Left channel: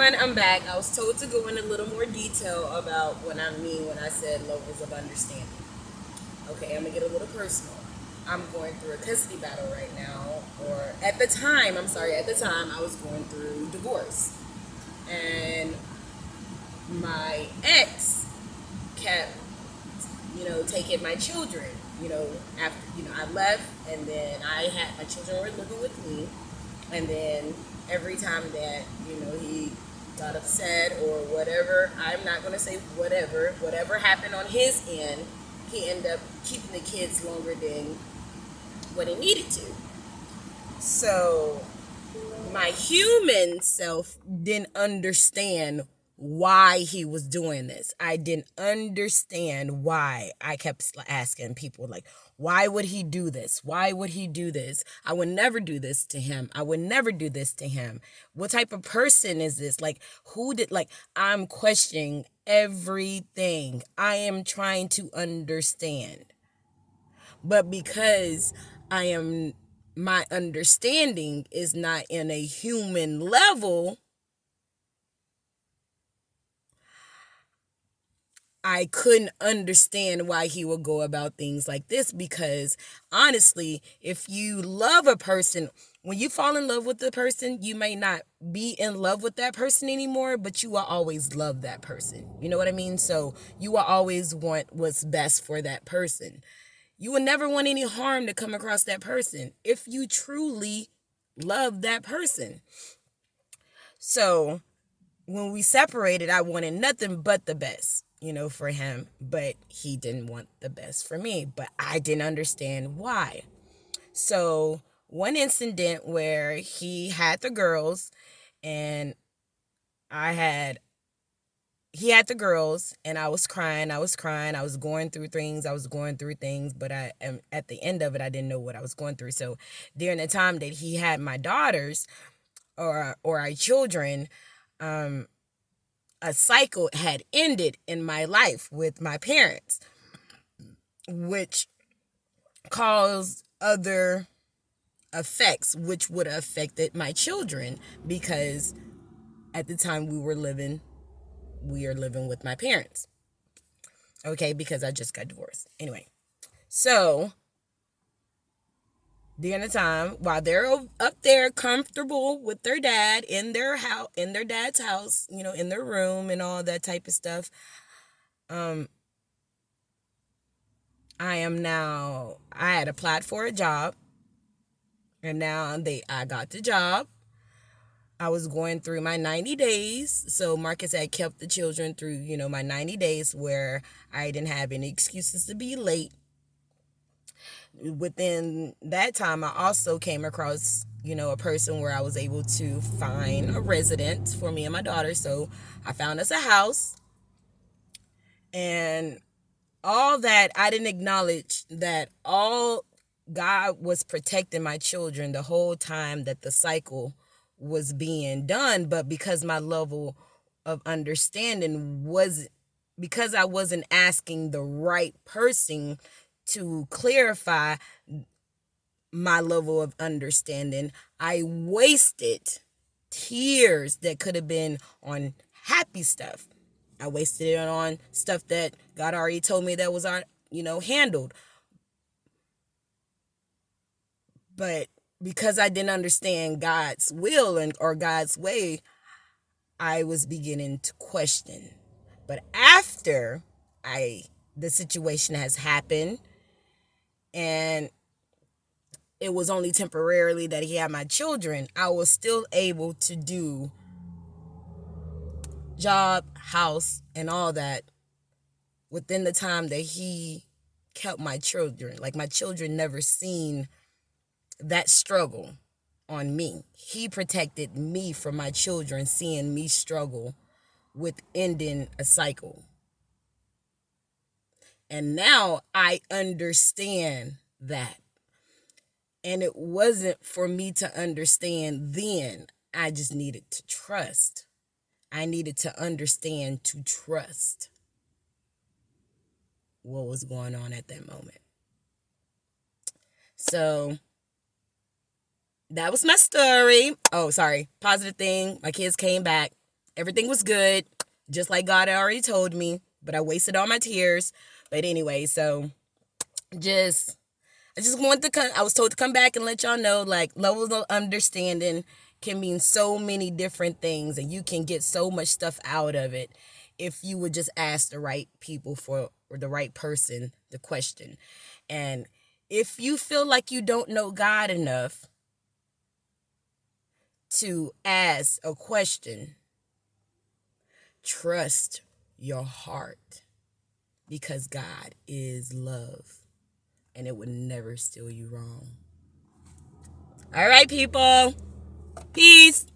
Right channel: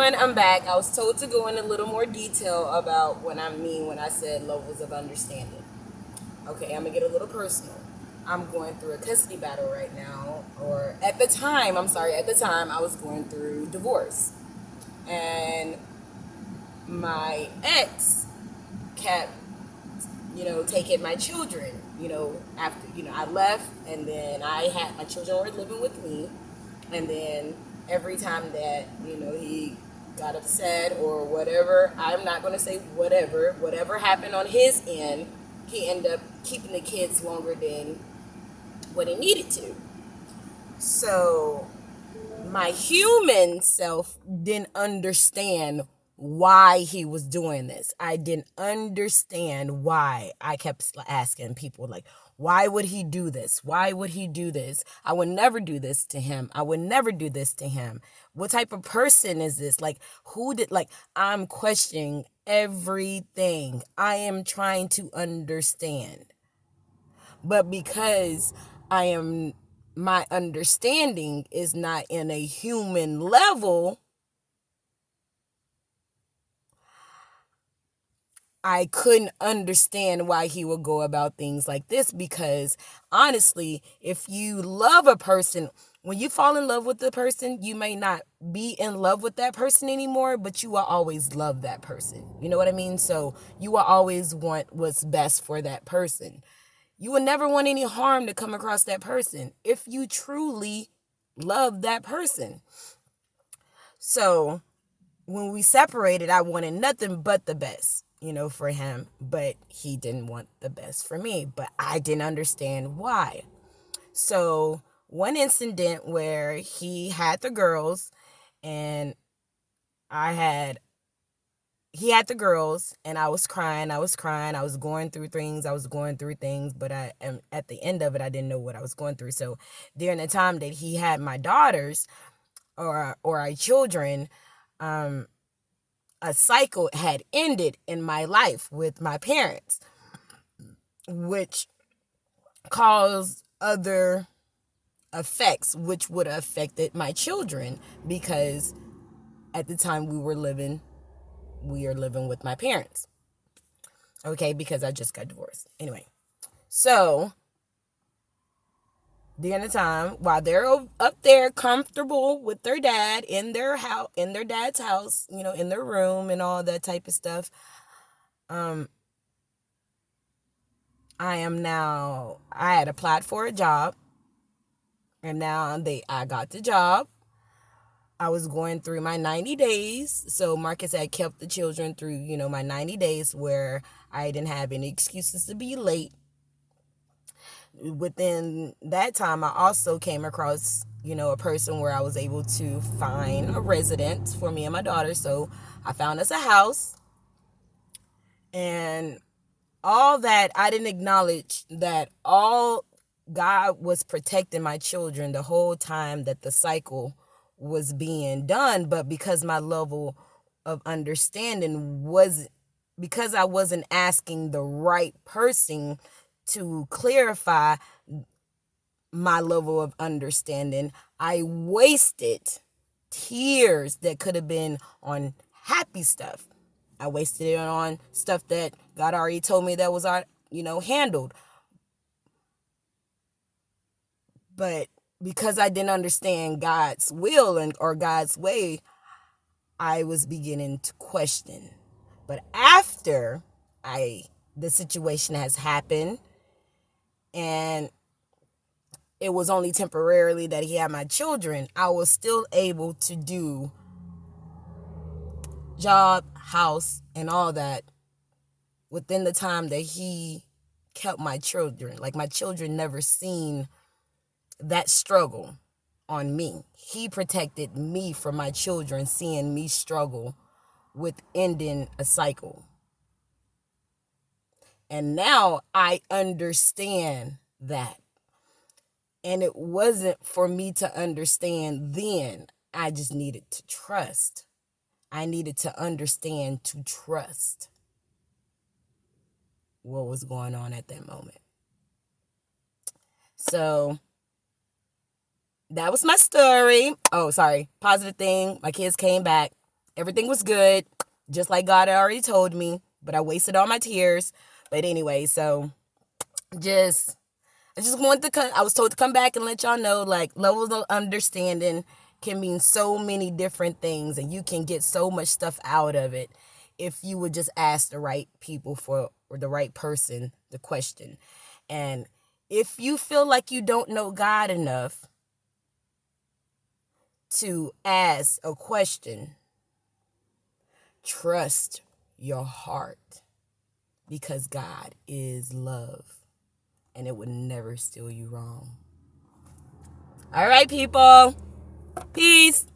everyone, I'm back. I was told to go in a little more detail about what I mean when I said levels of understanding. Okay, I'm gonna get a little personal. I'm going through a custody battle right now, or at the time, I was going through divorce. And my ex kept, taking my children, after, I left, and then my children were living with me. And then every time that, he got upset or whatever, I'm not going to say whatever happened on his end, he ended up keeping the kids longer than what he needed to. So my human self didn't understand why he was doing this. I didn't understand why. I kept asking people, like, why would he do this? Why would he do this? I would never do this to him. I would never do this to him. What type of person is this? Like, I'm questioning everything. I am trying to understand. But because I am my understanding is not in a human level, I couldn't understand why he would go about things like this. Because honestly, if you love a person, when you fall in love with the person, you may not be in love with that person anymore, but you will always love that person. You know what I mean? So you will always want what's best for that person. You will never want any harm to come across that person if you truly love that person. So when we separated, I wanted nothing but the best, for him, but he didn't want the best for me, but I didn't understand why. So one incident where he had the girls and I had he had the girls and I was crying. I was going through things, but I am at the end of it, I didn't know what I was going through. So during the time that he had my daughters or our children, a cycle had ended in my life with my parents, which caused other effects, which would have affected my children, because at the time we are living with my parents. Okay, because I just got divorced. Anyway, so during the time while they're up there comfortable with their dad in their house, in their dad's house, in their room and all that type of stuff, I had applied for a job, and now I got the job. I was going through my 90 days. So Marcus had kept the children through, my 90 days where I didn't have any excuses to be late. Within that time, I also came across, a person where I was able to find a residence for me and my daughter. So I found us a house, and all that, I didn't acknowledge that all God was protecting my children the whole time that the cycle was being done. But because my level of understanding was, because I wasn't asking the right person to clarify my level of understanding, I wasted tears that could have been on happy stuff. I wasted it on stuff that God already told me that was handled. But because I didn't understand God's will or God's way, I was beginning to question. But after the situation has happened, and it was only temporarily that he had my children, I was still able to do job, house, and all that within the time that he kept my children. Like, my children never seen that struggle on me. He protected me from my children seeing me struggle with ending a cycle. And now I understand that. And it wasn't for me to understand then. I just needed to trust. I needed to understand to trust what was going on at that moment. So that was my story. Oh, sorry. Positive thing. My kids came back. Everything was good, just like God had already told me, but I wasted all my tears. But anyway, so just I just wanted to come. I was told to come back and let y'all know, like, levels of understanding can mean so many different things, and you can get so much stuff out of it if you would just ask the right people for or the right person the question. And if you feel like you don't know God enough to ask a question, trust your heart, because God is love and it would never steer you wrong. All right, people. Peace.